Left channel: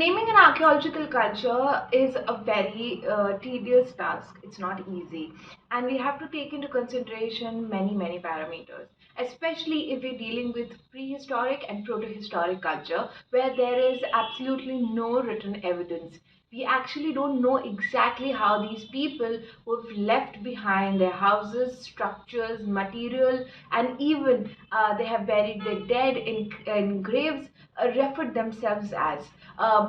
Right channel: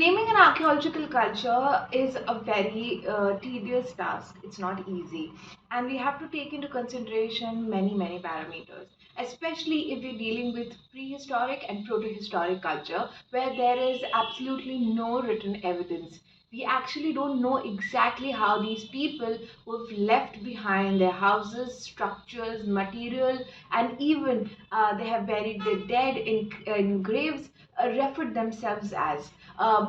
Naming an archaeological culture is a very tedious task. It's not easy. And we have to take into consideration many parameters, especially if we're dealing with prehistoric and protohistoric culture, where there is absolutely no written evidence. We actually don't know exactly how these people who've left behind their houses, structures, material, and even they have buried their dead in graves, referred themselves as.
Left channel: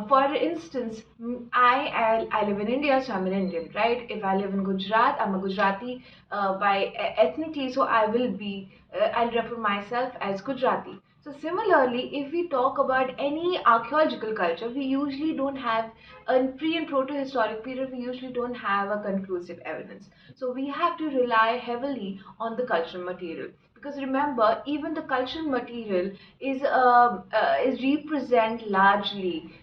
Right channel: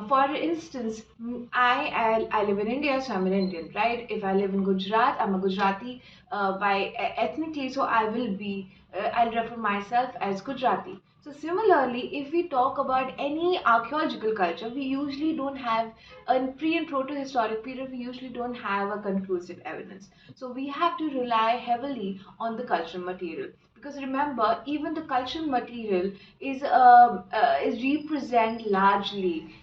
For instance, I live in India, so I'm an Indian, right? If I live in Gujarat, I'm a Gujarati ethnically, so I'll refer myself as Gujarati. So similarly, if we talk about any archaeological culture, we usually don't have in pre and proto-historic period. We usually don't have a conclusive evidence. So we have to rely heavily on the cultural material, because remember, even the cultural material is represent largely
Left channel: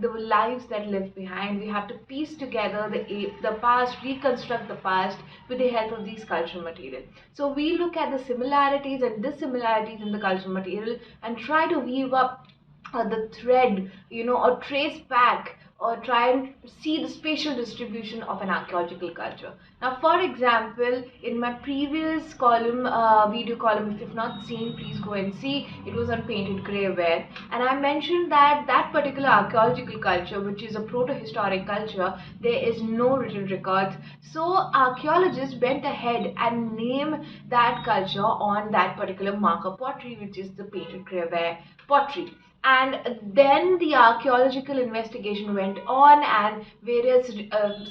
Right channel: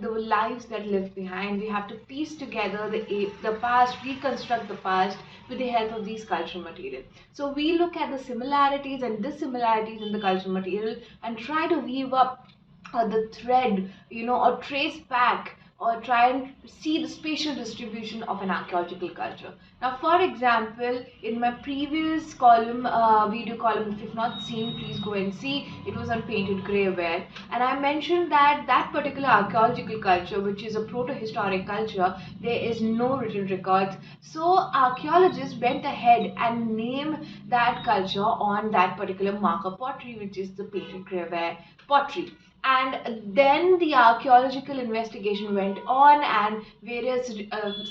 the lives that live behind. We have to piece together the past, reconstruct the past with the help of these cultural material. So we look at the similarities and dissimilarities in the cultural material and try to weave up the thread, or trace back or try and see the spatial distribution of an archaeological culture. Now, for example, in my previous column, video column, if you've not seen, please go and see. It was on painted greyware, and I mentioned that that particular archaeological culture, which is a proto-historic culture, there is no written records. So archaeologists went ahead and named that culture on that particular marker pottery, which is the painted greyware pottery. And then the archaeological investigation went on, and various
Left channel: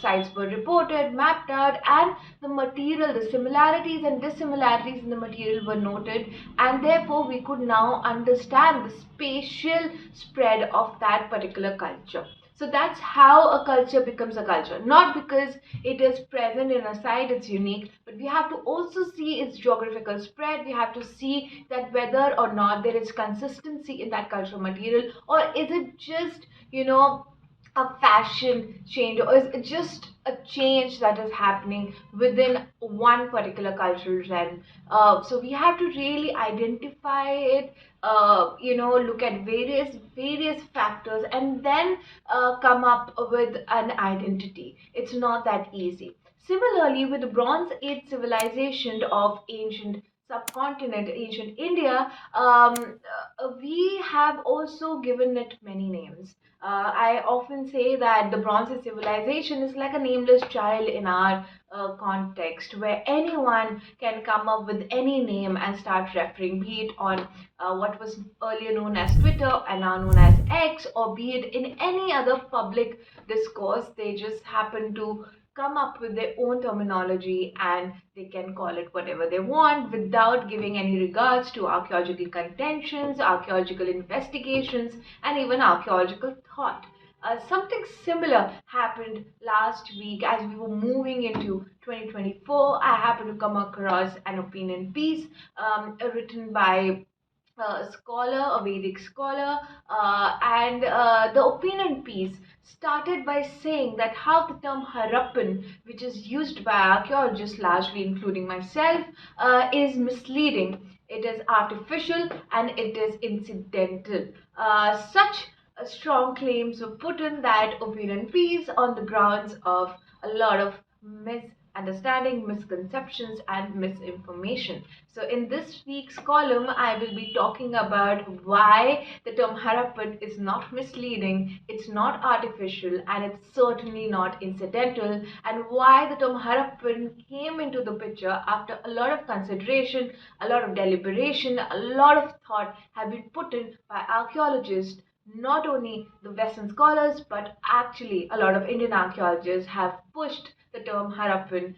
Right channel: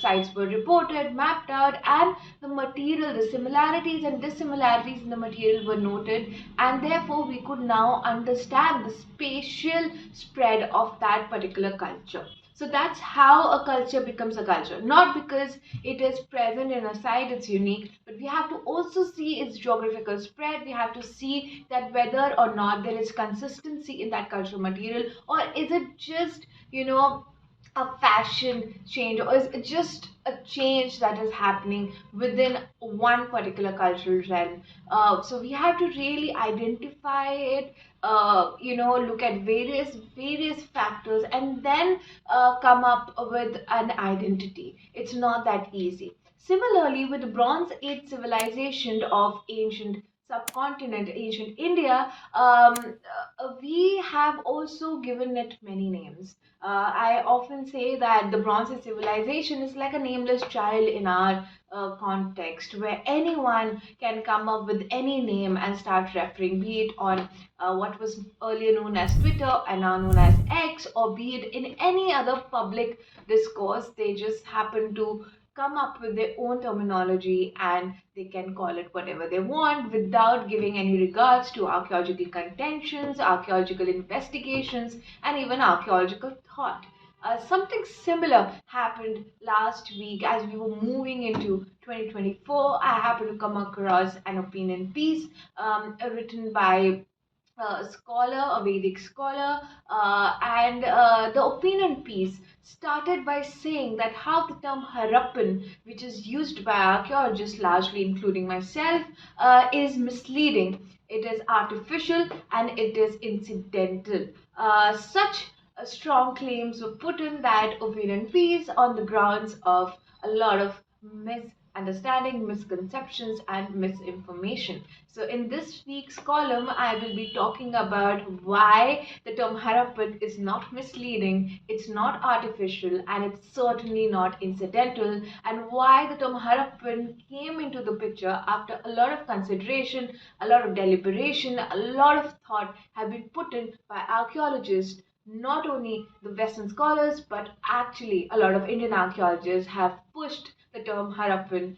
sites were reported, mapped out, and the material, the similarities and dissimilarities in the material were noted, and therefore we could now understand the spatial spread of that particular culture. So that's how a culture becomes a culture. Not because it is present in a site, it's unique, but we have to also see its geographical spread. We have to see that whether or not there is consistency in that cultural material, or is it just, a fashion change, or is it just a change that is happening within one particular cultural realm. So we have to really identify it, look at various factors, and then come up with an identity. It's not that easy. Similarly, with the Bronze Age civilization of ancient subcontinent, ancient India, we have also given it many names. I often say that the Bronze Age civilization is like a nameless child in our context, where anyone can come up with any name and start referring, be it on what was earlier known as Twitter and now known as X, or be it in any other public discourse. They just happen to come up with their own terminology, and they can call it whatever they want without giving any regards to archaeological contentions, archaeological investigations, and even archaeological thought. Something similar happened last week as we were moving into 2024. I happened to come across an opinion piece written by a scholar, a Vedic scholar, and the opinion piece started by saying that how the term Harappan, which is used by archaeologists, largely including myself, is misleading. It is artificial and it is incidental. Such strong claims were put in that opinion piece on the grounds of a lot of misunderstanding, misconceptions, and misinformation. So, in this week's column, I will be talking about why the term Harappan is not misleading, it's not artificial, and it's certainly not incidental, and why the term Harappan came into the picture after a lot of consideration, a lot of deliberation, a lot of thought have been put in by archaeologists. Not only the Western scholars, but actually a lot of Indian archaeologists have pushed the term Harappan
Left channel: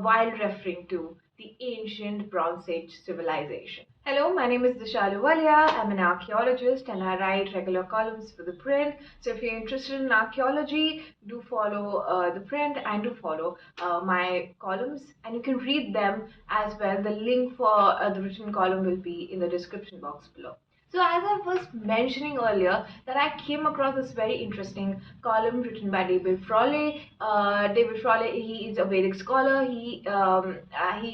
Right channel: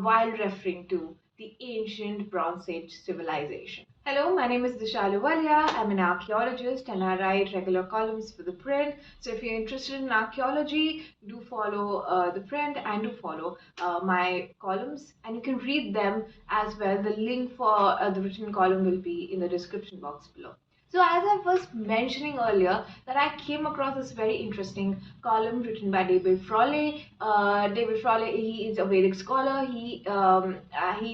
while referring to the ancient Bronze Age civilization. Hello, my name is Disha Ahluwalia. I'm an archaeologist and I write regular columns for ThePrint. So if you're interested in archaeology, do follow ThePrint and do follow my columns, and you can read them as well. The link for the written column will be in the description box below. So as I was mentioning earlier, that I came across this very interesting column written by David Frawley. David Frawley, he is a Vedic scholar. He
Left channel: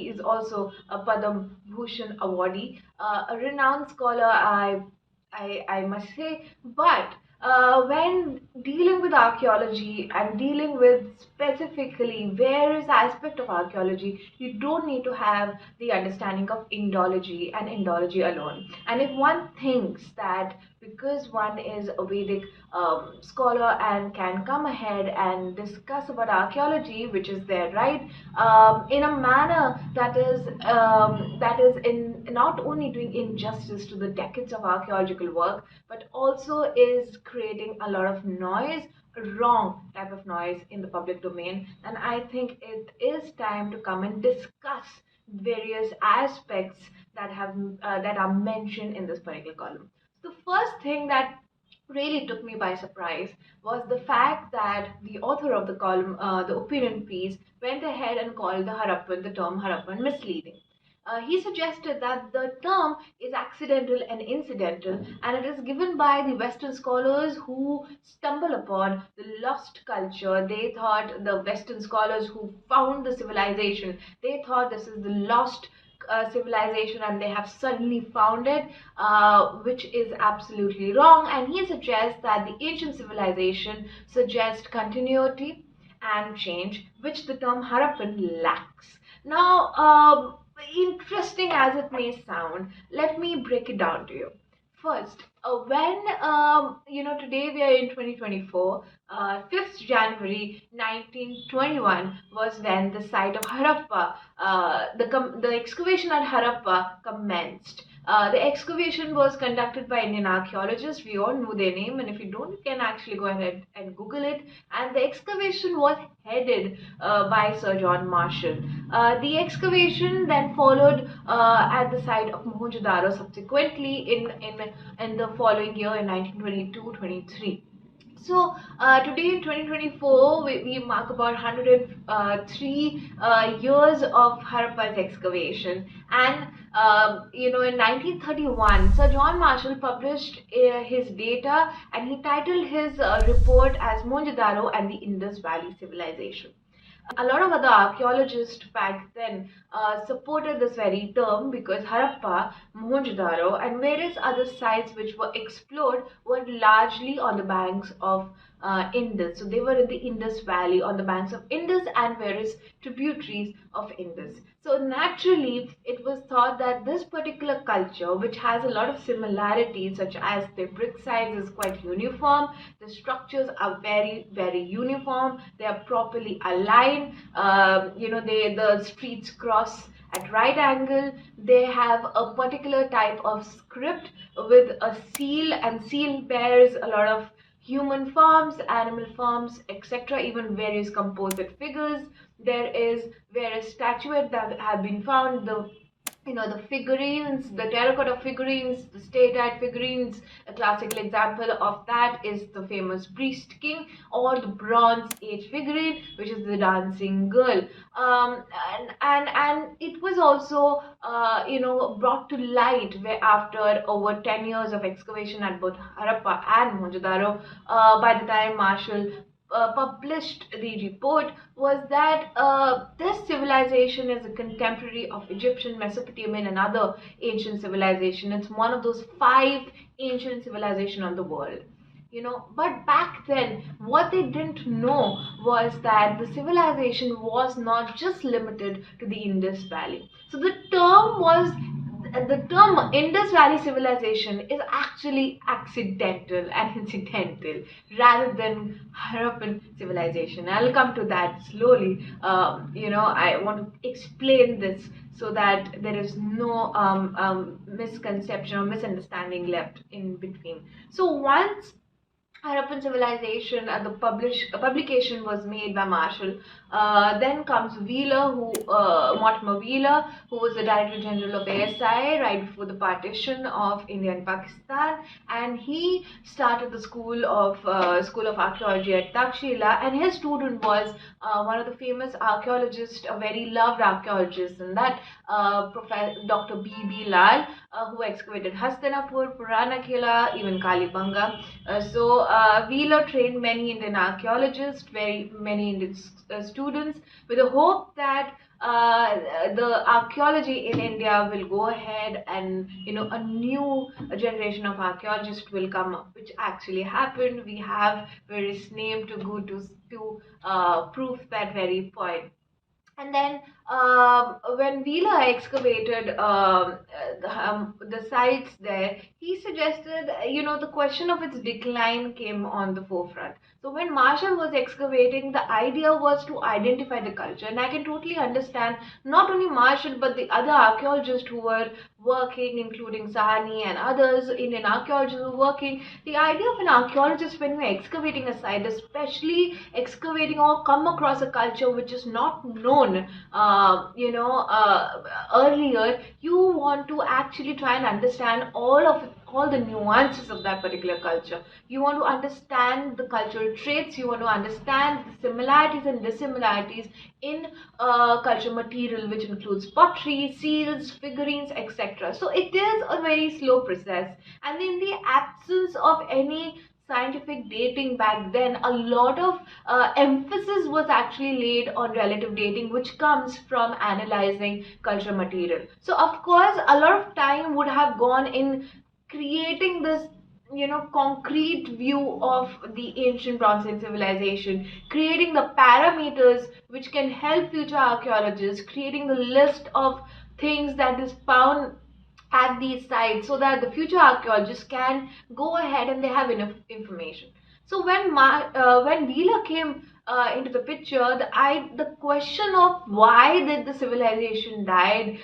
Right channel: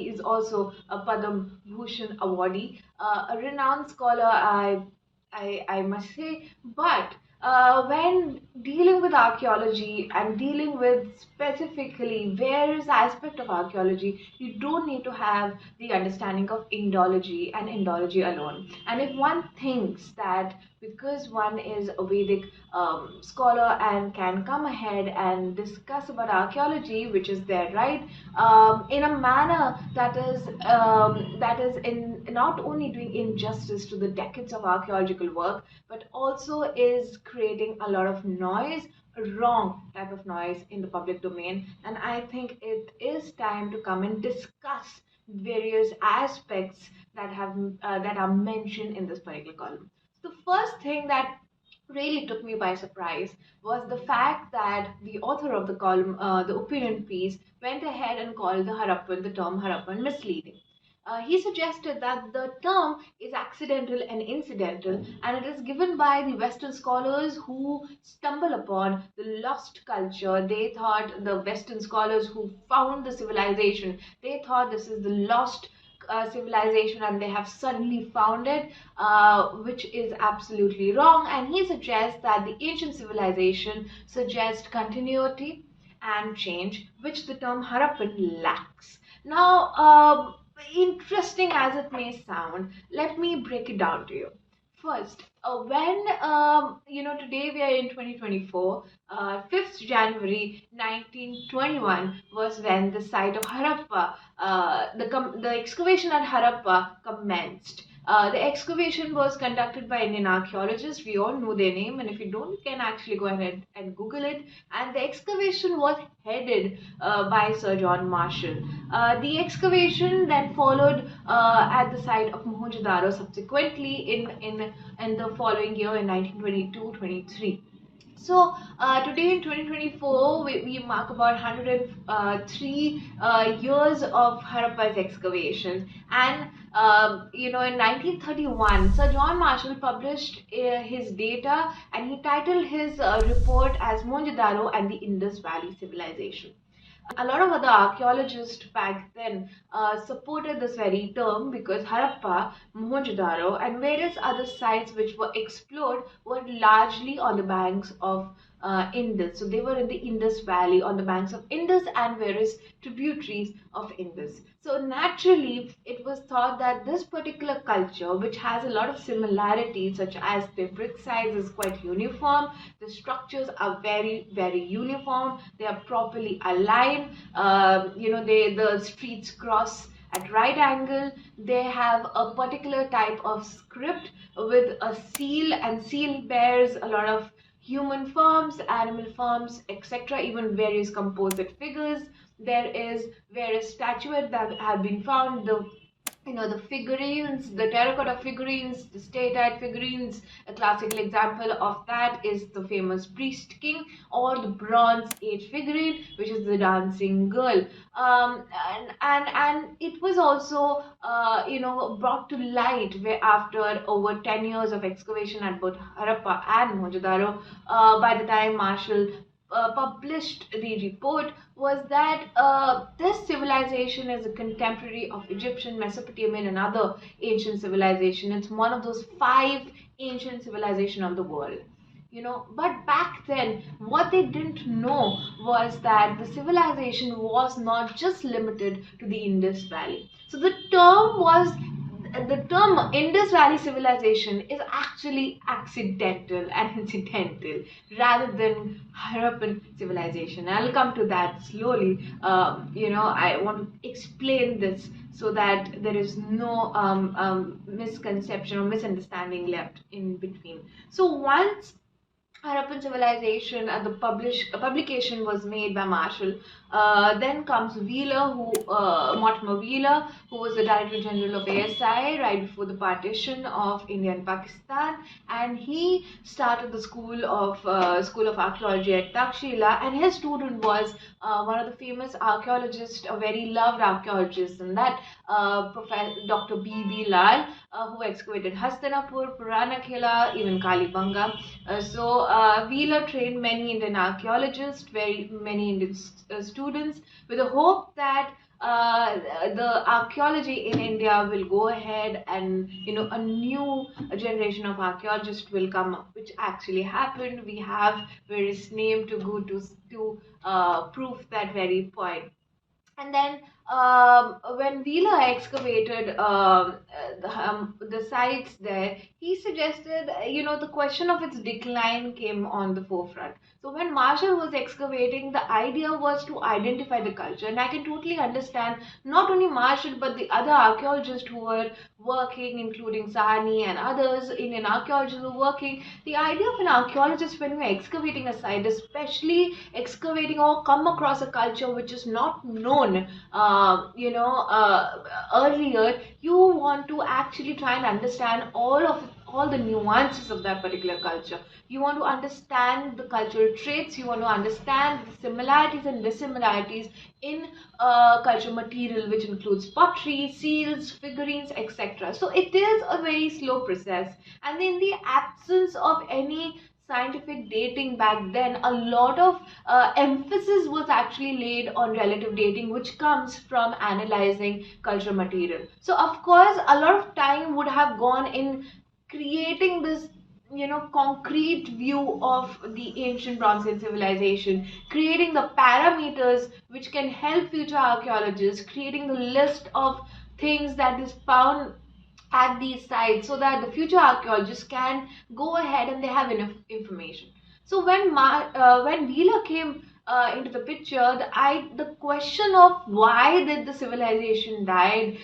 is also a Padma Bhushan awardee, a renowned scholar, I must say. But when dealing with archaeology and dealing with specifically various aspects of archaeology, you don't need to have the understanding of Indology and Indology alone. And if one thinks that because one is a Vedic scholar and can come ahead and discuss about archaeology, which is their right, in a manner that is in not only doing injustice to the decades of archaeological work, but also is creating a lot of noise, wrong type of noise in the public domain. And I think it is time to come and discuss various aspects that are mentioned in this particular column. The first thing that really took me by surprise was the fact that the author of the column, the opinion piece, went ahead and called the term Harappan misleading. He suggested that the term is accidental and incidental, and it is given by the Western scholars who stumble upon the lost culture. They thought, the Western scholars who found the civilization, they thought this is the lost civilization and they have suddenly found it, which is absolutely wrong. And he suggests that the ancient civilization suggests continuity and change, which the term Harappan lacks. Now, interesting as it may sound, let me break it down to you. First, when today we are in 2024, 5th January 1921 was when the site of Harappa, the excavation at Harappa commenced. The excavation was conducted by Indian archaeologists. We all know their name, and if you don't, you can actually go ahead and Google it. And the excavation was headed by Sir John Marshall. The excavation then followed at the site of Mohenjo-daro subsequently in the following year in 1922-23. So today in 2024, we mark about 103 years of Harappa's excavation. And in 1931, Sir John Marshall published his data, and he titled his report as Mohenjo-daro and the Indus Valley Civilization. A lot of other archaeologists back then supported this very term because Harappa, Mohenjo-daro, and various other sites which were explored were largely on the banks of Indus. So they were in the Indus Valley, on the banks of Indus and various tributaries of Indus. So naturally, it was thought that this particular culture, which has a lot of similarities, such as the brick size is quite uniform, the structures are very, very uniform, they are properly aligned, the streets cross at right angle, they have a particular type of script with a seal, and seal bears a lot of human forms, animal forms, etc., even various composite figures. There is various statuettes that have been found, the figurines, the terracotta figurines, the statite figurines. A classical example of that is the famous priest king, or the bronze age figurine, which is the dancing girl. And it was also brought to light where after over 10 years of excavation at both Harappa and Mohenjo-daro, by the time Marshall published the report, was that this civilization is a contemporary of Egyptian, Mesopotamian, and other ancient civilization. It's one of those 5 ancient civilizations of the world. But back then, what they didn't know was that the civilization was not just limited to the Indus Valley. So the term Indus Valley Civilization is actually accidental and incidental rather than Harappan Civilization. I'll come to that slowly. I want to explain this so that there is no misconception or misunderstanding left in between. So once Harappan Civilization and the publication was made by Marshall. Then comes Mortimer Wheeler, who was the Director General of ASI right before the partition of India and Pakistan, and he started the School of Archaeology at Takshila, and his student was one of the famous archaeologists, a very loved archaeologist, and that Professor Dr. B.B. Lal, who excavated Hastinapur, Puranakhela, even Kalibanga. Wheeler trained many Indian archaeologists, very many Indian students, with the hope that the archaeology in India will go ahead, and a new generation of archaeologists will come up, which actually happened. We have various names to go to prove that very point. And then when Wheeler excavated the sites there, he suggested, the question of its decline came on the forefront. So when Marshall was excavating, the idea was to identify the culture. And I can totally understand not only Marshall, but the other archaeologists who were working, including Sahani and others, Indian archaeologists who were working. The idea of an archaeologist when you're excavating a site, especially excavating or come across a culture which is not known, earlier, you want to actually try and understand all the nuances of that particular culture. You want to understand the cultural traits. You want to understand the similarities and dissimilarities in culture material, which includes pottery, seals, figurines, etc. So it is a very slow process, and in the absence of any scientific dating back then, a lot of emphasis was actually laid on relative dating, which comes from analyzing cultural material. So of course a lot of time would have gone in creating this concrete view of the ancient bronze age civilization, creating the parameters which can help future archaeologists, creating the list of things that is found at these sites, so that the future archaeologists can go ahead and they have enough information. So when Wheeler came into the picture, the question of why did the civilization died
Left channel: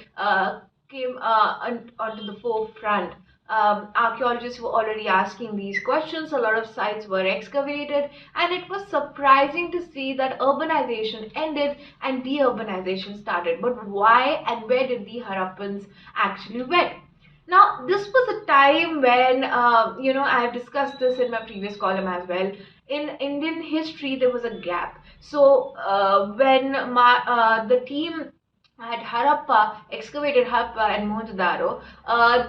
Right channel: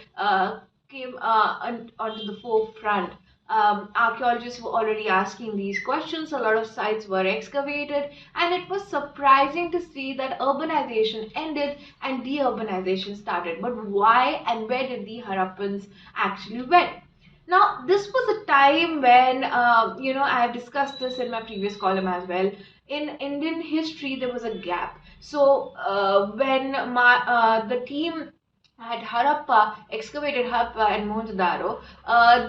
came onto the forefront. Archaeologists were already asking these questions. A lot of sites were excavated, and it was surprising to see that urbanization ended and deurbanization started. But why and where did the Harappans actually went? Now, this was a time when, I have discussed this in my previous column as well. In Indian history, there was a gap. So, when the team at Harappa excavated Harappa and Mohenjo-daro,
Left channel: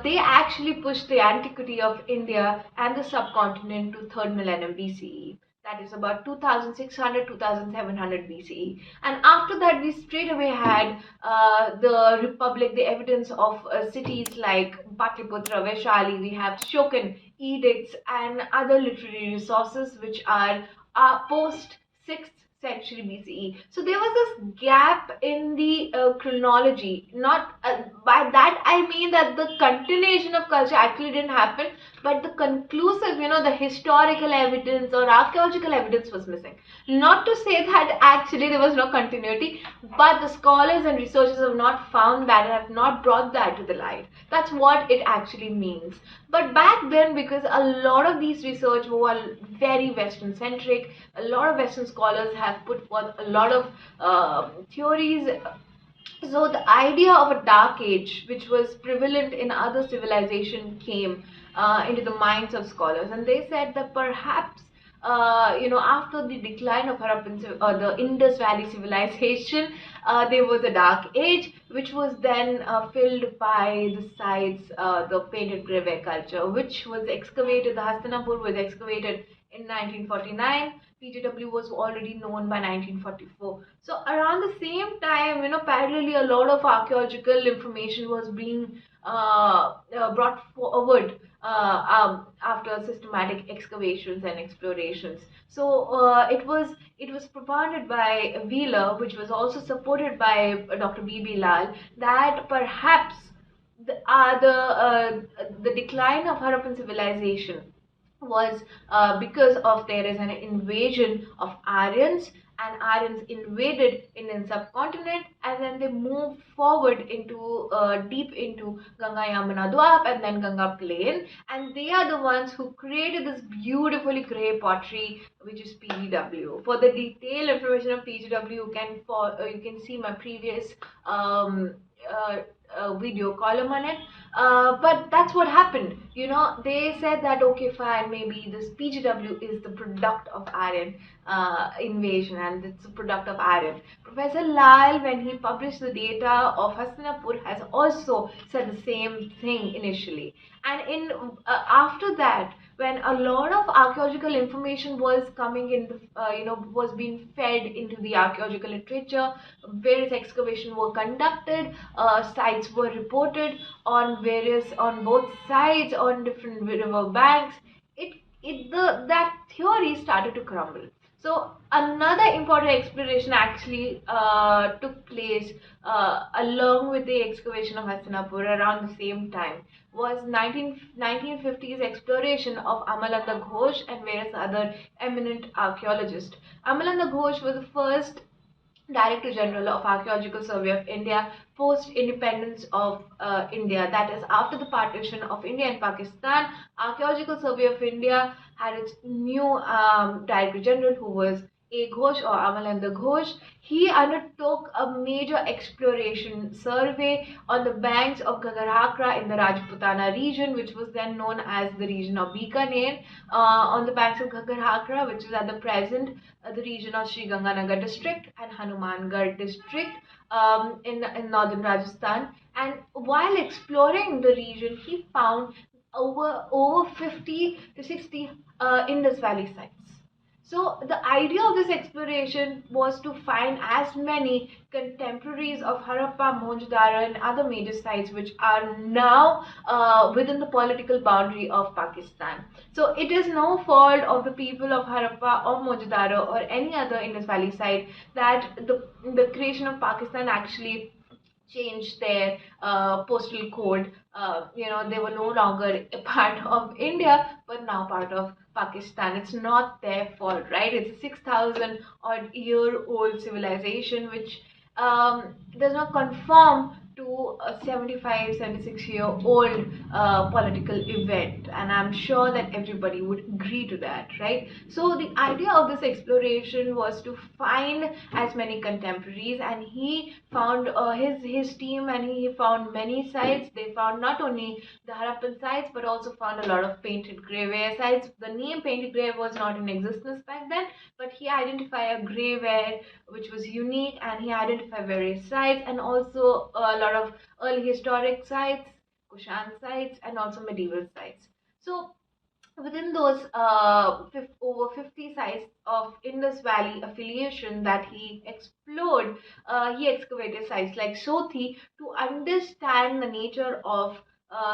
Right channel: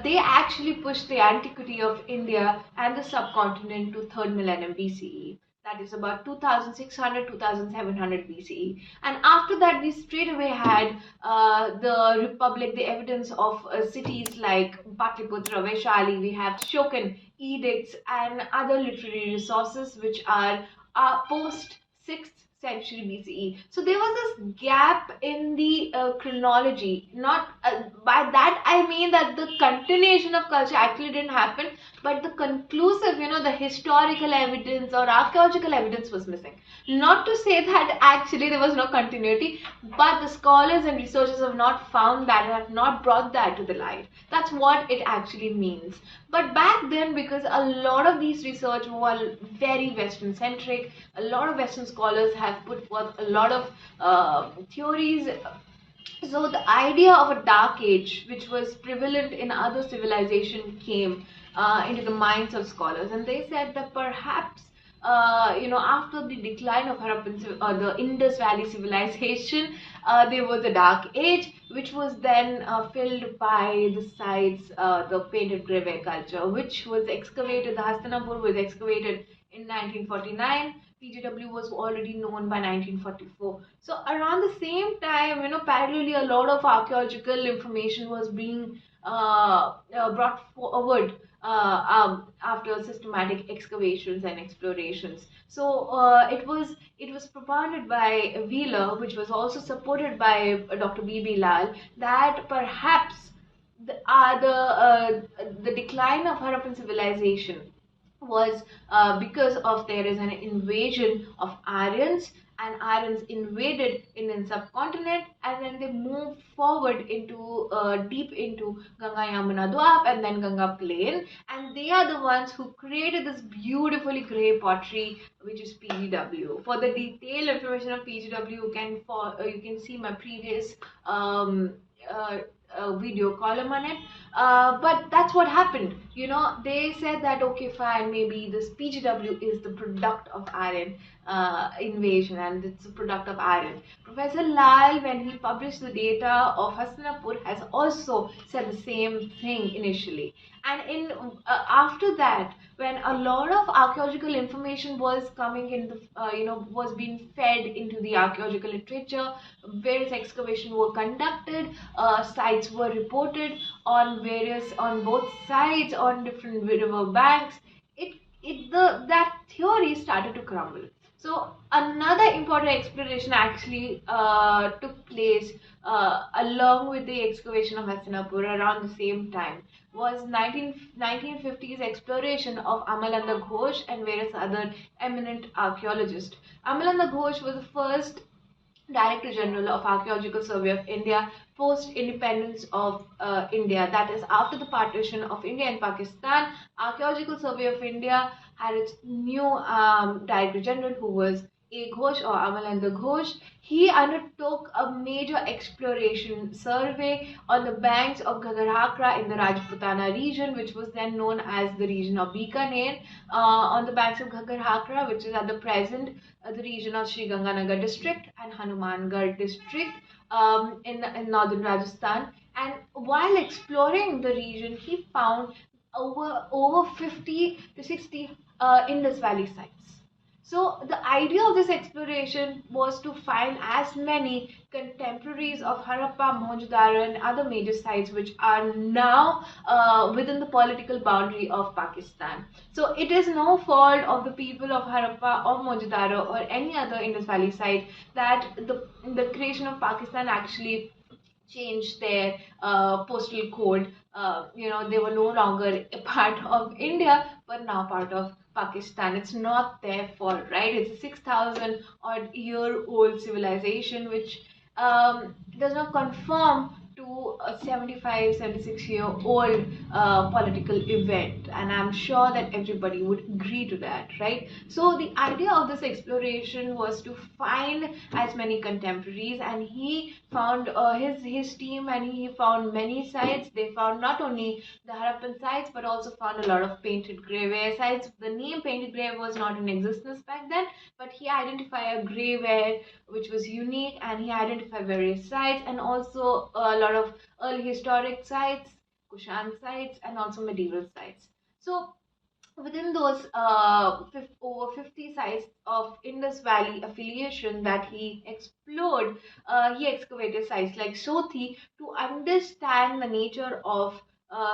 they actually pushed the antiquity of India and the subcontinent to 3rd millennium BCE. That is about 2600 2700 BCE. And after that, we straight away had the Republic, the evidence of cities like Patliputra, Vaishali. We have Shokan edicts and other literary resources which are post 6th century BCE. So there was this gap in the chronology. Not by that I mean that the continuation of culture actually didn't happen, but the conclusive, the historical evidence or archaeological evidence was missing. Not to say that actually there was no continuity, but the scholars and researchers have not found that and have not brought that to the light. That's what it actually means. But back then, because a lot of these research were very Western centric, a lot of Western scholars have put forth a lot of theories. So the idea of a dark age, which was prevalent in other civilization, came into the minds of scholars, and they said that perhaps after the decline of the Indus Valley civilization, there was a dark age, which was then filled by the sites, the painted grave culture, which was excavated. The Hastinapur was excavated in 1949. PGW was already known by 1944. So around the same time, parallelly, a lot of archaeological information was being brought forward after systematic excavations and explorations. So it was propounded by Wheeler, which was also supported by Dr. B.B. Lal, that perhaps the decline of Harappan civilization was because of there is an invasion of Aryans, and Aryans invaded Indian subcontinent, and then they moved forward into deep into Ganga Yamuna Dwap and then Ganga Plain, and they are the ones who created this beautifully grey pottery, which is PGW. For the detailed information of PGW, you can see my previous video column on it. But that's what happened. They said that okay, fine, maybe this PGW is the product of Aryan invasion, and it's a product of Aryan. Professor Lal, when he published the data of Hastinapur, has also said the same thing initially. And in after that, when a lot of archaeological information was coming in the was being fed into the archaeological literature. Various excavations were conducted, sites were reported on both sides, on different river banks. That theory started to crumble. So another important exploration actually took place along with the excavation of Hastinapur around the same time, was 1950s exploration of Amalanda Ghosh and various other eminent archaeologists. Amalanda Ghosh was the first Director General of Archaeological Survey of India post independence of India, that is, after the partition of India and Pakistan. Archaeological Survey of India had its new Director General, who was A. Ghosh or Amalanda Ghosh. He undertook a major exploration survey on the banks of Ghaggar in the Rajputana region, which was then known as the region of Bikaner, on the banks of Ghaggar, which is at the present the region of Sri Ganganagar district and Hanumangarh district in northern Rajasthan. And while exploring the region, he found over 50 to 60 Indus Valley sites. So the idea of this exploration was to find as many contemporaries of Harappa, Mohenjo-daro and other major sites which are now within the political boundary of Pakistan. So it is no fault of the people of Harappa or Mohenjo-daro or any other Indus Valley site that the creation of Pakistan actually changed their postal code. They were no longer a part of India, but now part of Pakistan. It's not their fault, right? It's a 6,000 odd year old civilization which does not conform to a 75, 76-year old political event, and I'm sure that everybody would agree to that, right? So the idea of this exploration was to find as many contemporaries, and he found his team, and he found many sites. They found not only the Harappan sites but also found a lot of painted graveware sites. The name painted grave was not in existence back then, but he identified a graveware which was unique, and he identified various sites and also a lot of early historic sites, Kushan sites, and also medieval sites. So within those over 50 sites of Indus Valley affiliation that he explored, he excavated sites like Sothi to understand the nature of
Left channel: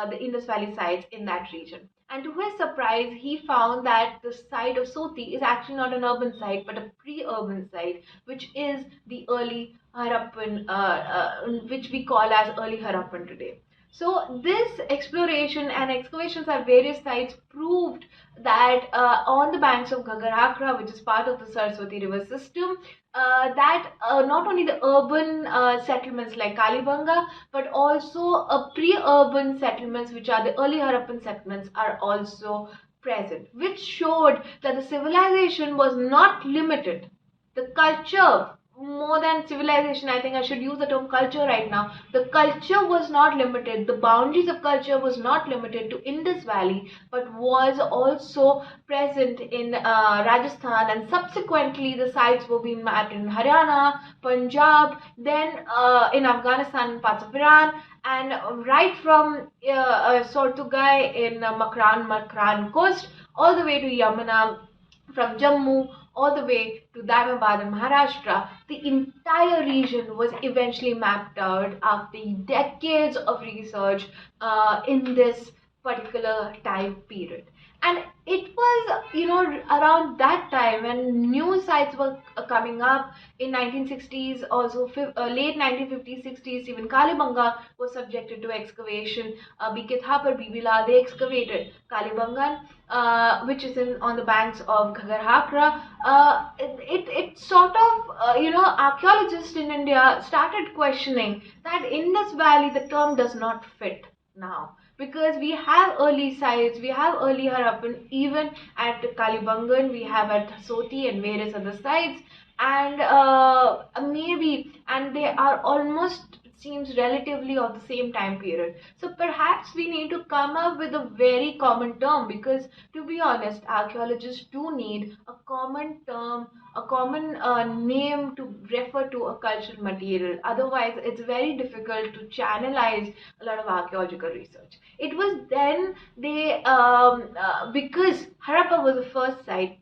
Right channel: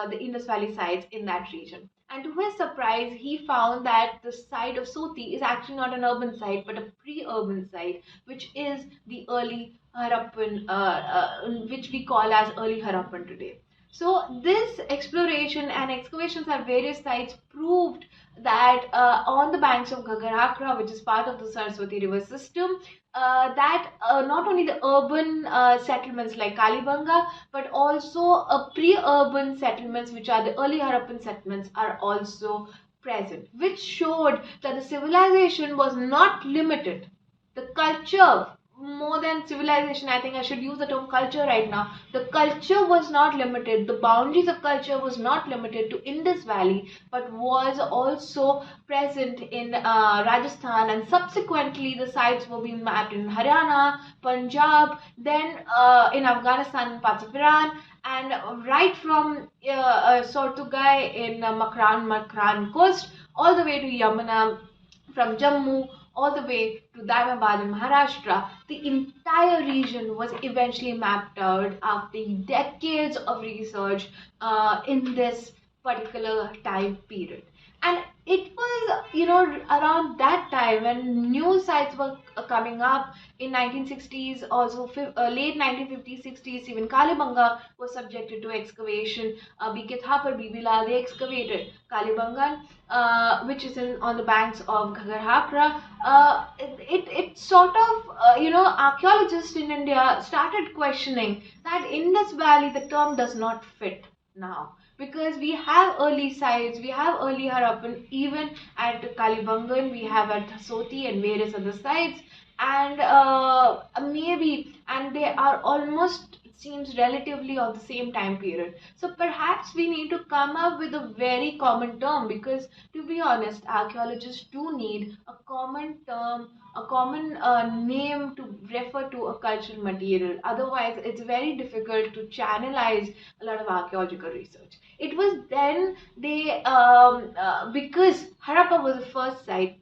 the Indus Valley sites in that region. And to his surprise, he found that the site of Sothi is actually not an urban site but a pre-urban site, which is the early Harappan, which we call as early Harappan today. So this exploration and excavations at various sites proved that on the banks of Ghaggar, which is part of the Saraswati river system, that not only the urban settlements like Kalibanga, but also pre-urban settlements, which are the early Harappan settlements, are also present, which showed that the civilization was not limited. The culture, more than civilization, I think I should use the term culture right now. The culture was not limited, the boundaries of culture was not limited to Indus Valley, but was also present in Rajasthan, and subsequently the sites were being mapped in Haryana, Punjab, then in Afghanistan and parts of Iran, and right from Sortugai in Makran coast all the way to Yamuna, from Jammu all the way to Daimabad in Maharashtra. The entire region was eventually mapped out after decades of research in this particular time period. And it was, around that time when new sites were coming up in 1960s, also late 1950s, 60s, even Kalibanga was subjected to excavation. BK Thapar, Bibi Lal, they excavated Kalibangan, which is on the banks of Ghaggar. It sort of, archaeologists in India started questioning that Indus Valley, the term does not fit now, because we have early sites, we have early Harappan, even at Kalibangan, we have at Soti and various other sites, and maybe, and they are almost seems relatively of the same time period. So perhaps we need to come up with a very common term, because to be honest, archaeologists do need a common term, a common name to refer to a cultural material. Otherwise, it's very difficult to channelize a lot of archaeological research. It was then because Harappa was the first site,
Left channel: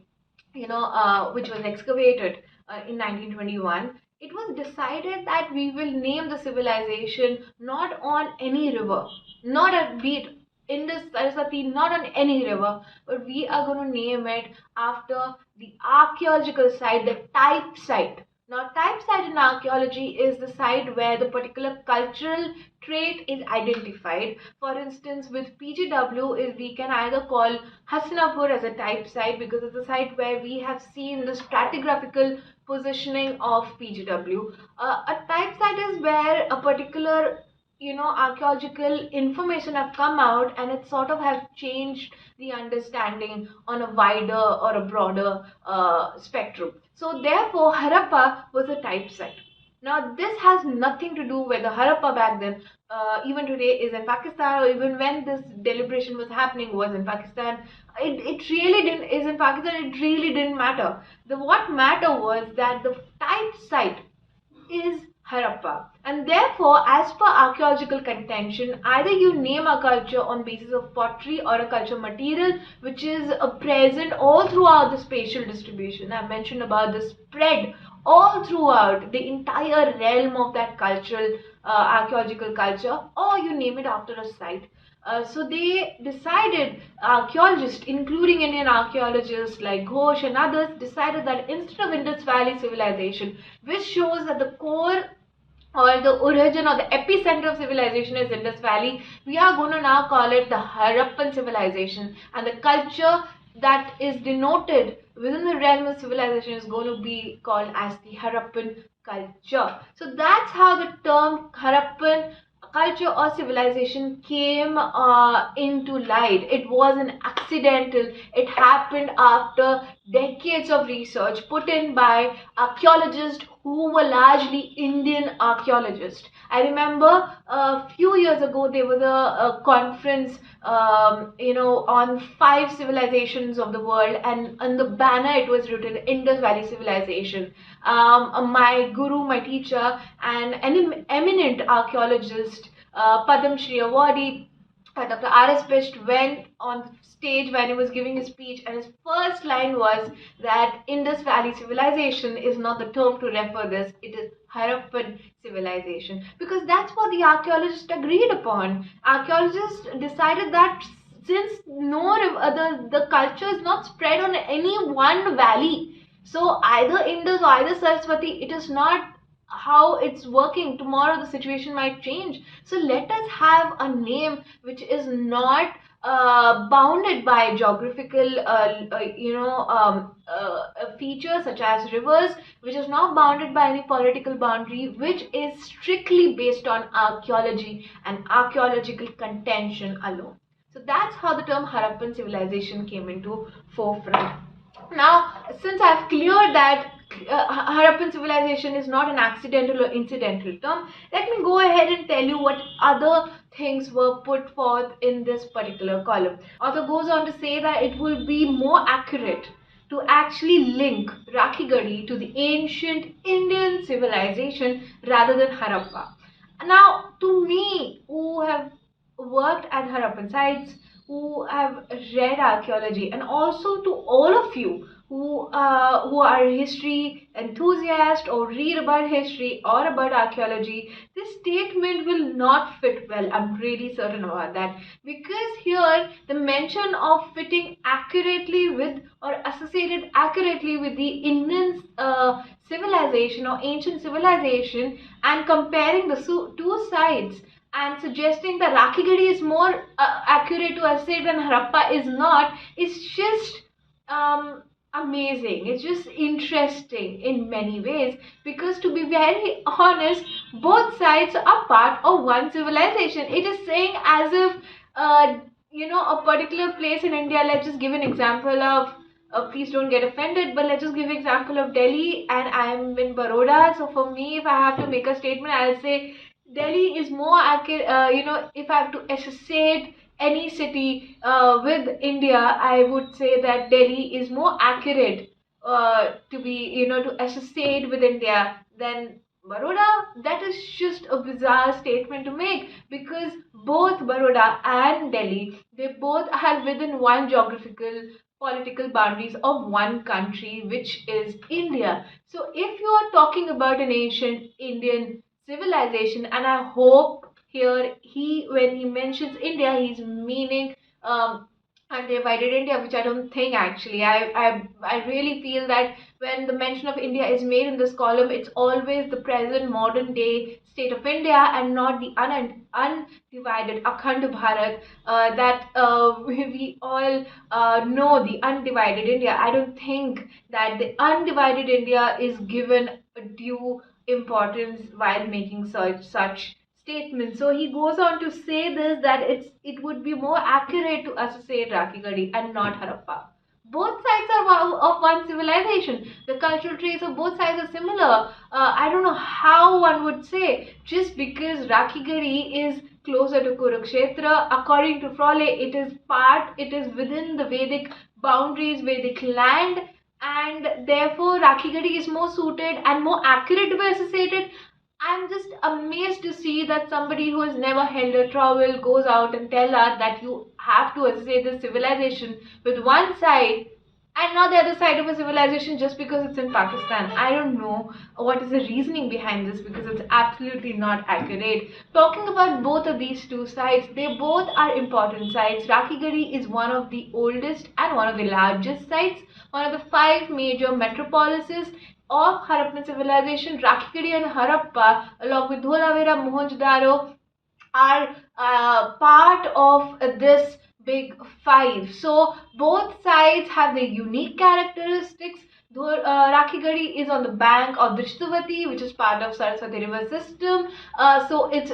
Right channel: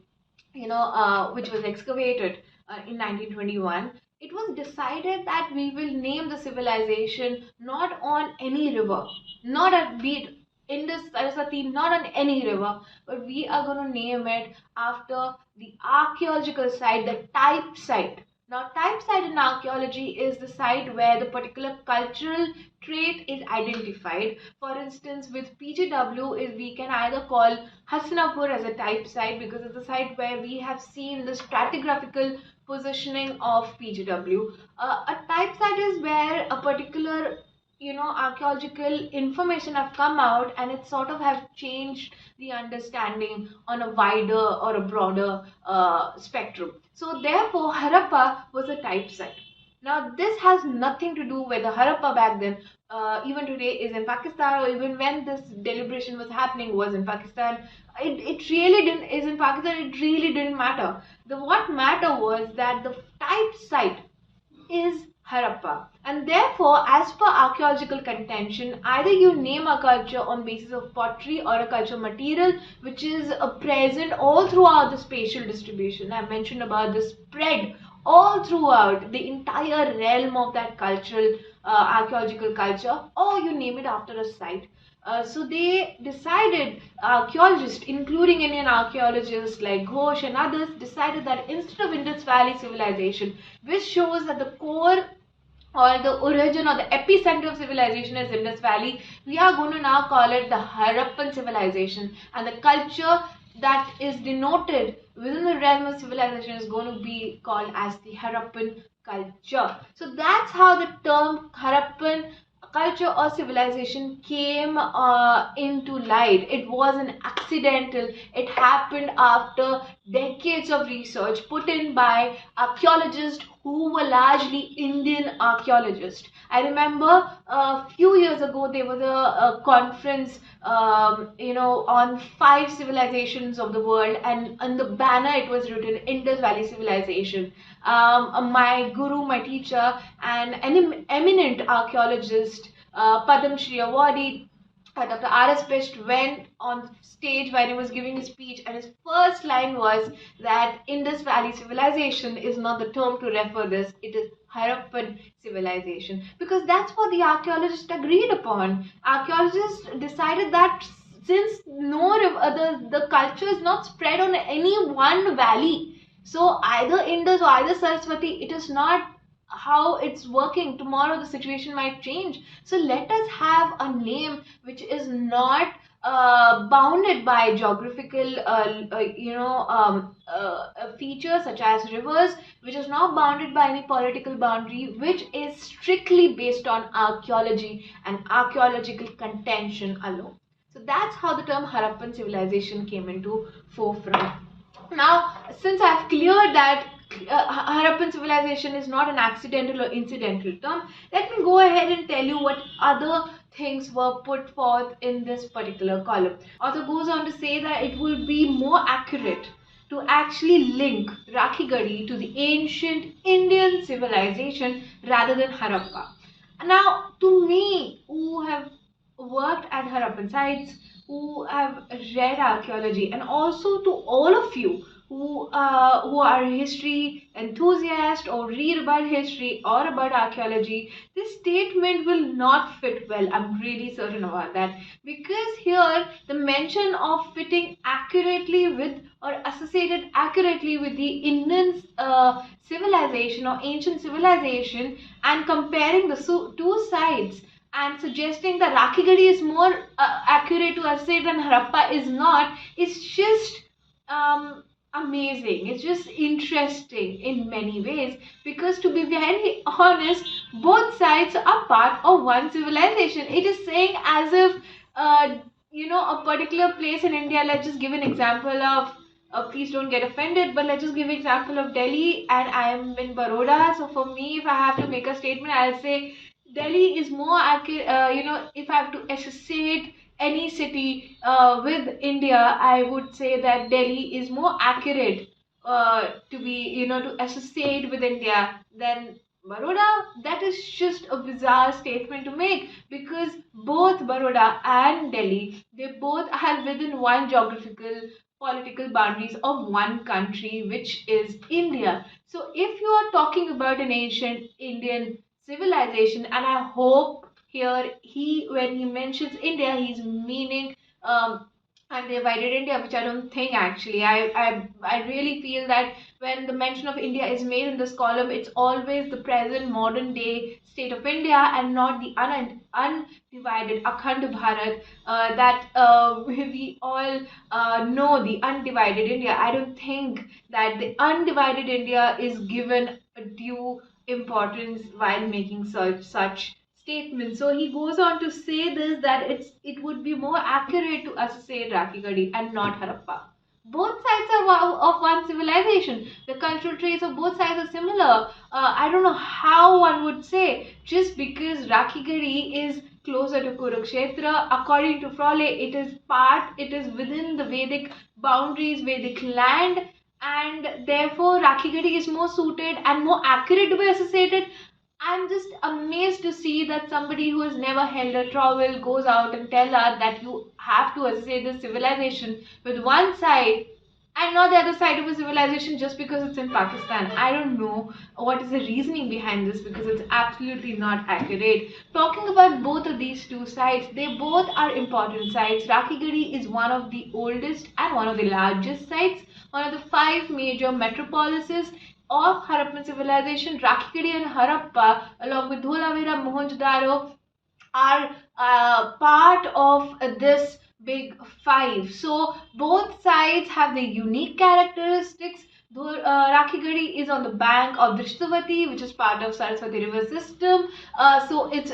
which was excavated in 1921, it was decided that we will name the civilization not on any river, not at beat Indus Saraswati, not on any river, but we are going to name it after the archaeological site, the type site. Now, type site in archaeology is the site where the particular cultural trait is identified. For instance, with PGW, is we can either call Hastinapur as a type site because it's a site where we have seen the stratigraphical positioning of PGW. A type site is where a particular archaeological information have come out, and it sort of have changed the understanding on a wider or a broader spectrum. So therefore Harappa was a type site. Now this has nothing to do with the Harappa back then, even today is in Pakistan, or even when this deliberation was happening was in Pakistan. It really didn't is in Pakistan, it really didn't matter. The what matter was that the type site is Harappa. And therefore, as per archaeological contention, either you name a culture on basis of pottery or a culture material which is present all throughout the spatial distribution. I mentioned about the spread all throughout the entire realm of that cultural archaeological culture, or you name it after a site. So they decided, archaeologists, including Indian archaeologists like Ghosh and others, decided that instead of Indus Valley civilization, which shows that the core or the origin or the epicenter of civilization is Indus Valley, we are going to now call it the Harappan civilization, and the culture that is denoted within the realm of civilization is going to be called as the Harappan culture. So that's how the term Harappan culture or civilization came into light. It was an accidental. It happened after decades of research put in by archaeologists who were largely Indian archaeologists. I remember a few years ago there was a conference, on 5 civilizations of the world, and on the banner it was written Indus Valley Civilization. My guru, my teacher, and an eminent archaeologist, Padam Shri Awadi, Dr. R.S. Best, went on stage when he was giving his speech, and his first line was that Indus Valley Civilization is not the term to refer this, it is Harappan civilization, because that's what the archaeologists agreed upon. Archaeologists decided that since the culture is not spread on any one valley, so either Indus or either Saraswati, it is not how it's working. Tomorrow the situation might change, so let us have a name which is not bounded by geographical features such as rivers, which is not bounded by any political boundary, which is strictly based on archaeology and archaeological contention alone. So that's how the term Harappan civilization came into forefront. Now, since I've cleared that Harappan civilization is not an accidental or incidental term, let me go ahead and tell you what other things were put forth in this particular column. Author goes on to say that it will be more accurate to actually link Rakhigarhi to the ancient Indian civilization rather than Harappa. Now, to me, who have worked at Harappan sites, who have read archaeology, and also to all of you who are history enthusiasts or read about history or about archaeology, this statement will not fit well. I'm really certain about that, because here the mention of fitting accurately with or associated accurately with the Indian civilization or ancient civilization, and comparing the two sides and suggesting that Rakigarhi is more accurate to associate than Harappa is not, is just amazing. It's just interesting in many ways, because to be very honest, both sides are part of one civilization. It is saying as if a particular place in India, let's just give an example of please don't get offended, but let's just give an example of Delhi, and I am in Baroda. So for me, if I have to make a statement, I'll say Delhi is more accurate. If I have to associate any city with India, I would say that Delhi is more accurate to be, to associate with India than Baroda. That is just a bizarre statement to make, because both Baroda and Delhi, they both are within one geographical political boundaries of one country, which is India. So if you are talking about an ancient Indian civilization, and I hope here when he mentions India, he's meaning undivided India, which I don't think actually. I really feel that when the mention of India is made in this column, it's always the present modern day state of India, and not the undivided Akhand Bharat that we all know, the undivided India. I don't think that the undivided India is given a due importance while making such statements. So he goes on to say this, that it would be more accurate to associate Rakhigarhi and not Harappa. Both sides are of one civilization. The cultural traits of both sides are similar. I don't know how one would say just because Rakhigarhi is closer to Kurukshetra. According to Frawley, it is within the Vedic boundaries, Vedic land, and therefore Rakhigarhi is more suited and more accurate to be associated. I'm just amazed to see that somebody who has never held a trowel goes out and tell us that you have to associate this civilization with one side and not the other side of a civilization just because it's in Pakistan. I don't know what is the reasoning behind this, because it's absolutely not accurate. Talking about both of these two sites, they both are important sites. Rakhigarhi is one of the oldest and one of the largest sites, one of the five major metropolises of Harappan civilization. Rakhigarhi and Harappa, along with Dholavira, Mohenjo-daro, are part of this big five. So both sides have the unique characteristics. Though Rakhigarhi is on the bank of Drishtavati, which is part of Saraswati river system, so its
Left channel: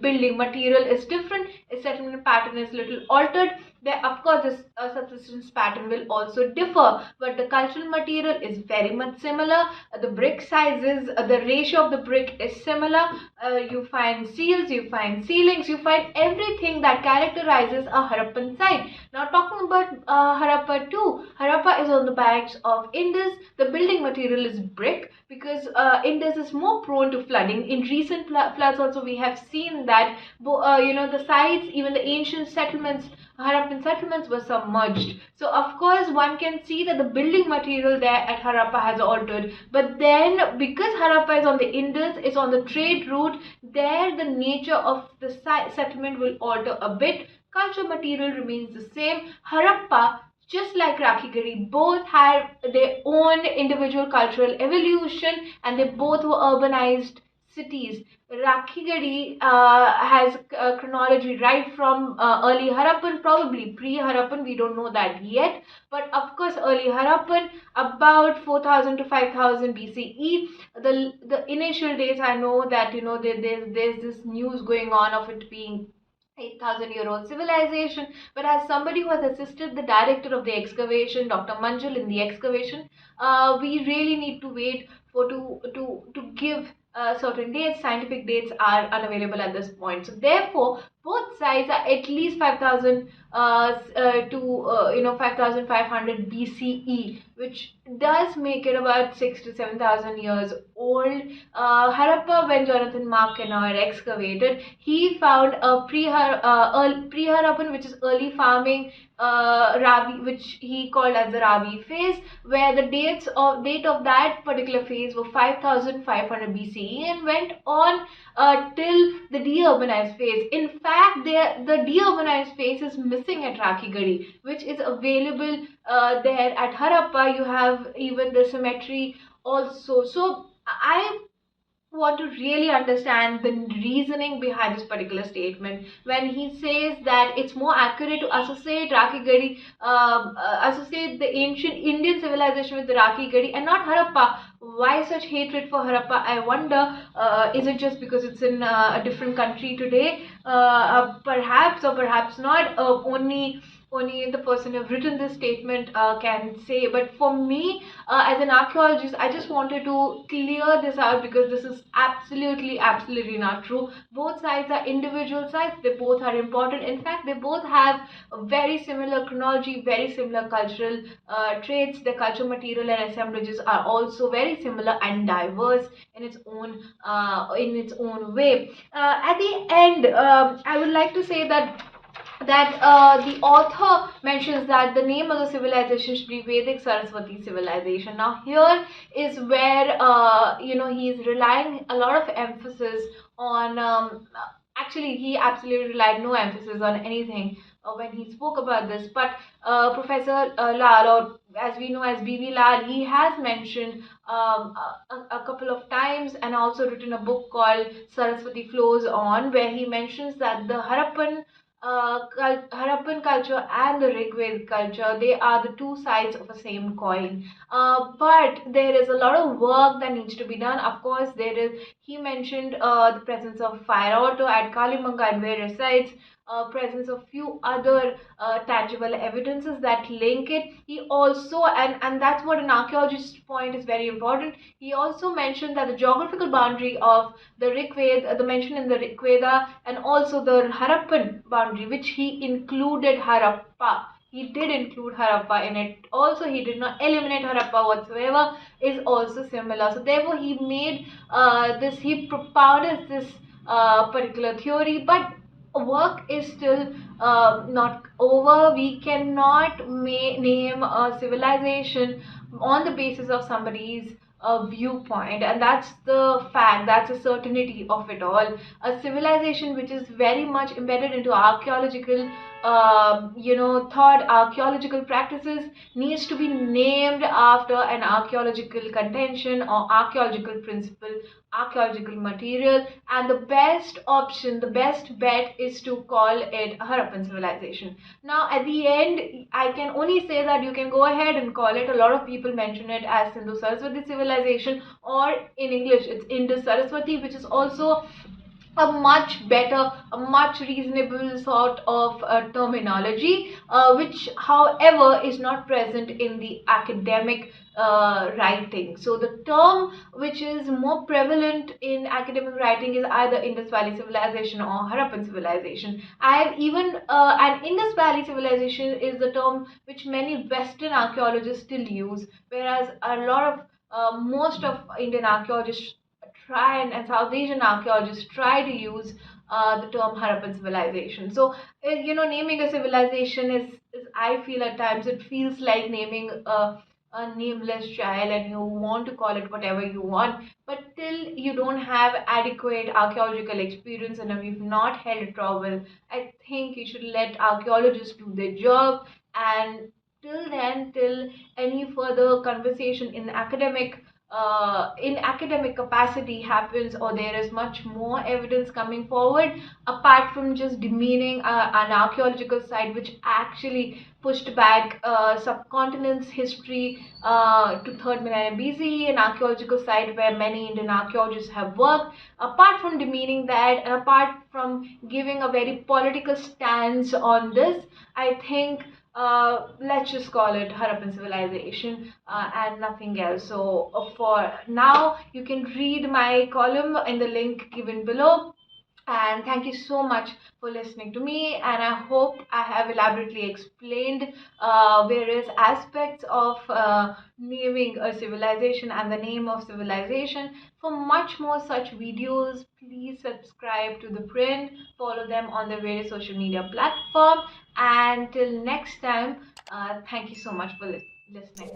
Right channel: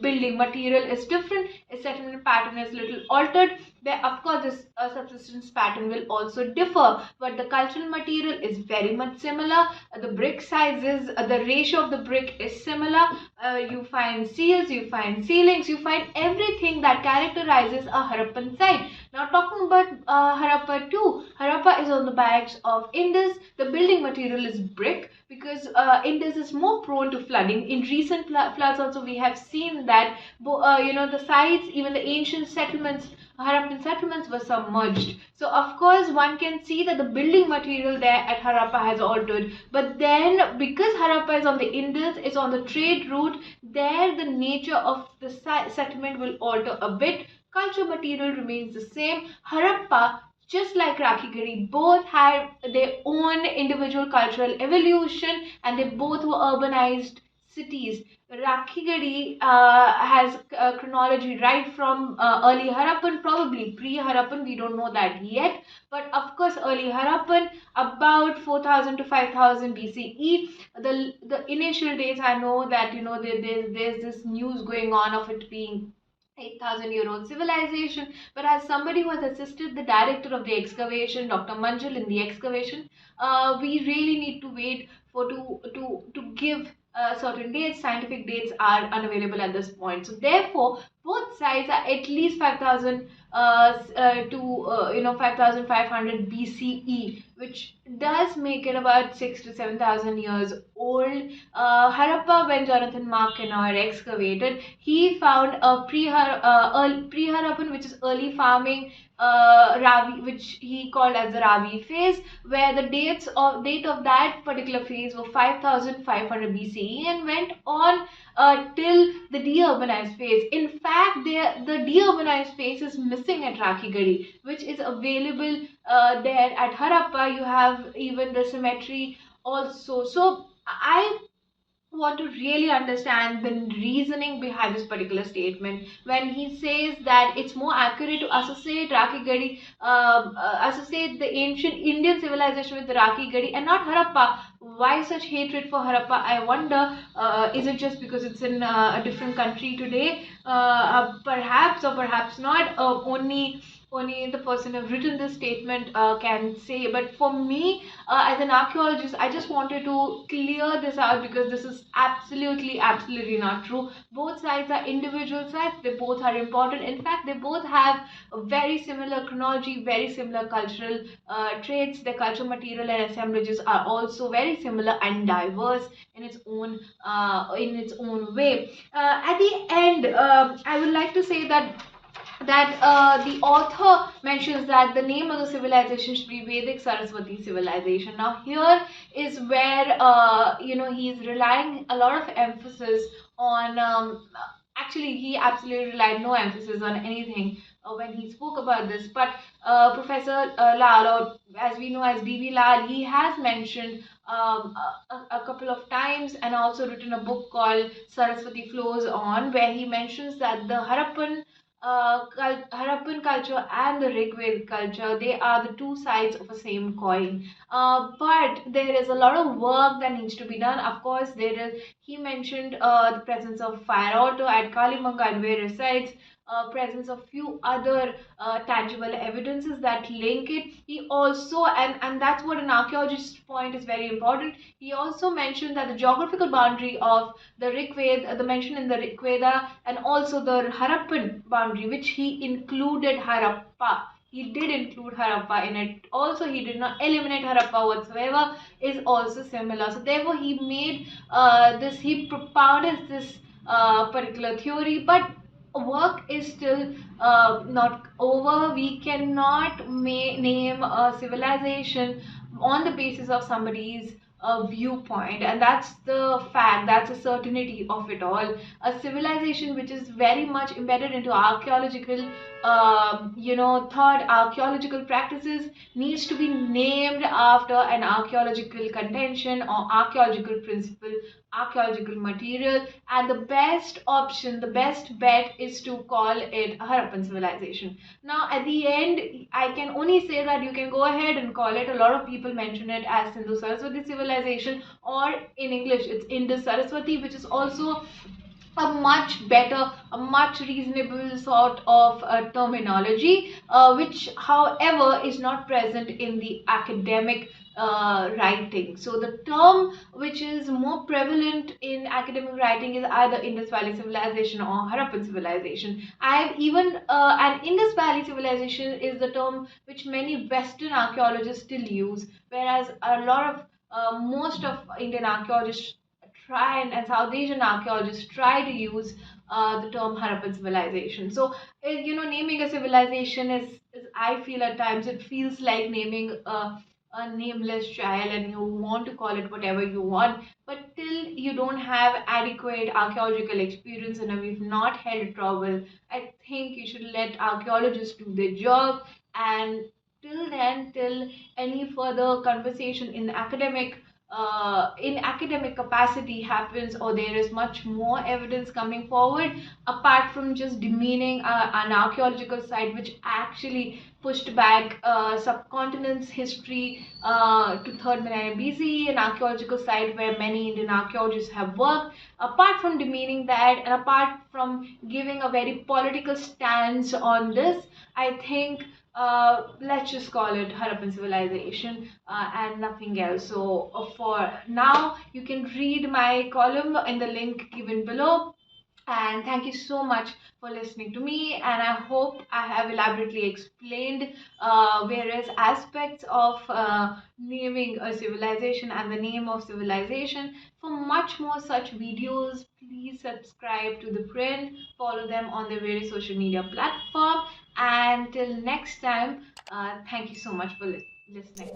building material is different. Its settlement pattern is little altered. There, of course, this subsistence pattern will also differ, but the cultural material is very much similar. The brick sizes, the ratio of the brick is similar. You find seals, you find ceilings, you find everything that characterizes a Harappan site. Now talking about Harappa too, Harappa is on the banks of Indus. The building material is brick, because Indus is more prone to flooding. In recent floods also we have seen that the sites, even the ancient settlements, Harappan settlements, were submerged. So of course one can see that the building material there at Harappa has altered. But then because Harappa is on the Indus, it's on the trade route, there the nature of the settlement will alter a bit. Culture material remains the same. Harappa, just like Rakhigarhi, both have their own individual cultural evolution, and they both were urbanized cities. Rakhigarhi has chronology right from early Harappan, probably pre-Harappan, we don't know that yet. But of course, early Harappan, about 4000 to 5000 BCE. The initial dates, I know that there's this news going on of it being 8,000-year-old civilization, but as somebody who has assisted the director of the excavation, Dr. Manjul, in the excavation, we really need to wait for to give certain dates. Scientific dates are unavailable at this point. So therefore, both sides are at least 5,000 to 5,500 BCE, which does make it about 6 to 7,000 years old. Harappa, when Jonathan Markenauer excavated, he found a pre-Harappan, which is early farming, Ravi, which he called as the Ravi phase, where the date of that particular phase were 5,500 BCE and went on till the deurbanized phase. In fact, the deurbanized phase is missing at Rakhigarhi, which is available there at Harappa. You have even the cemetery also. So I want to really understand the reasoning behind this particular statement when he says that it's more accurate to associate Rakhigarhi, associate the ancient Indian civilization with the Rakhigarhi and not Harappa. Why such hatred for Harappa? I wonder. Is it just because it's in a different country today? Perhaps or perhaps not. Only only the person who've written this statement can say. But for me, as an archaeologist, I just wanted to clear this out because this is absolutely not true. Both sides are individual sides. They both are important. In fact, they both have a very similar chronology, very similar cultural traits. The culture, material, and assemblages are also very similar and diverse in its own way. At the end, I would like to say that the author mentions that the name of the civilization should be Vedic Saraswati civilization. Now, here is where he is relying a lot of emphasis on. Actually, he absolutely relied no emphasis on anything when he spoke about this. But Professor Lal, or as we know as B.V. Lal, he has mentioned a couple of times and also written a book called Saraswati Flows On, where he mentions that the Harappan culture and the Rigved culture, they are the two sides of a same coin. But there is a lot of work that needs to be done. Of course, he mentioned the presence of fire altar at Kalimanga and various sites, presence of few other tangible evidences that link it. He also, and that's what an archaeologist's point is very important. He also mentioned that the geographical boundary of the Rigveda, the mention in the Rigveda, and also the Harappan boundary, which he included Harappa. He did include Harappa in it. Also, he did not eliminate Harappa whatsoever, is also similar. So, therefore, he propounded this particular theory, but work is still not over. We cannot name a civilization on the basis of somebody's viewpoint, and that's the fact, that's a certainty of it all. A civilization which is very much embedded into archaeological thought, archaeological practices, needs to be named after an archaeological contention or archaeological principle, archaeological material, and the best option, the best bet is to call it a Harappan civilization. Now, at the end, I can only say that you can go ahead and call it. A lot of people mention it as Sindhu Saraswati civilization, or in English, it's Indus Saraswati, which is also a much better, a much reasonable sort of terminology, which, however, is not present in the academic writing. So, the term which is more prevalent in academic writing is either Indus Valley Civilization or Harappan Civilization. And Indus Valley Civilization is the term which many Western archaeologists still use, whereas most of Indian archaeologists and South Asian archaeologists try to use the term Harappan civilization. So, naming a civilization is, I feel at times, it feels like naming a nameless child, and you want to call it whatever you want. But till you don't have adequate archaeological experience and if you've not held a trowel, I think you should let archaeologists do their job. And till then, till any further conversation in academic capacity happens, or there is much more evidence coming forward apart from just demeaning an archaeological site which actually pushed back subcontinent's history to 3rd millennium BCE, an archaeological site where many Indian archaeologists have worked. Apart from demeaning that, and apart from giving a very political stance on this, I think let's just call it Harappan civilization and nothing else. So, for now, you can read my column in the link given below. And thank you so much for listening to me. And I hope I have elaborately explained various aspects of naming a civilization and the name of civilization. For much more such videos, please subscribe to ThePrint, follow them on their various social media platform. And till next time, thank you so much for listening.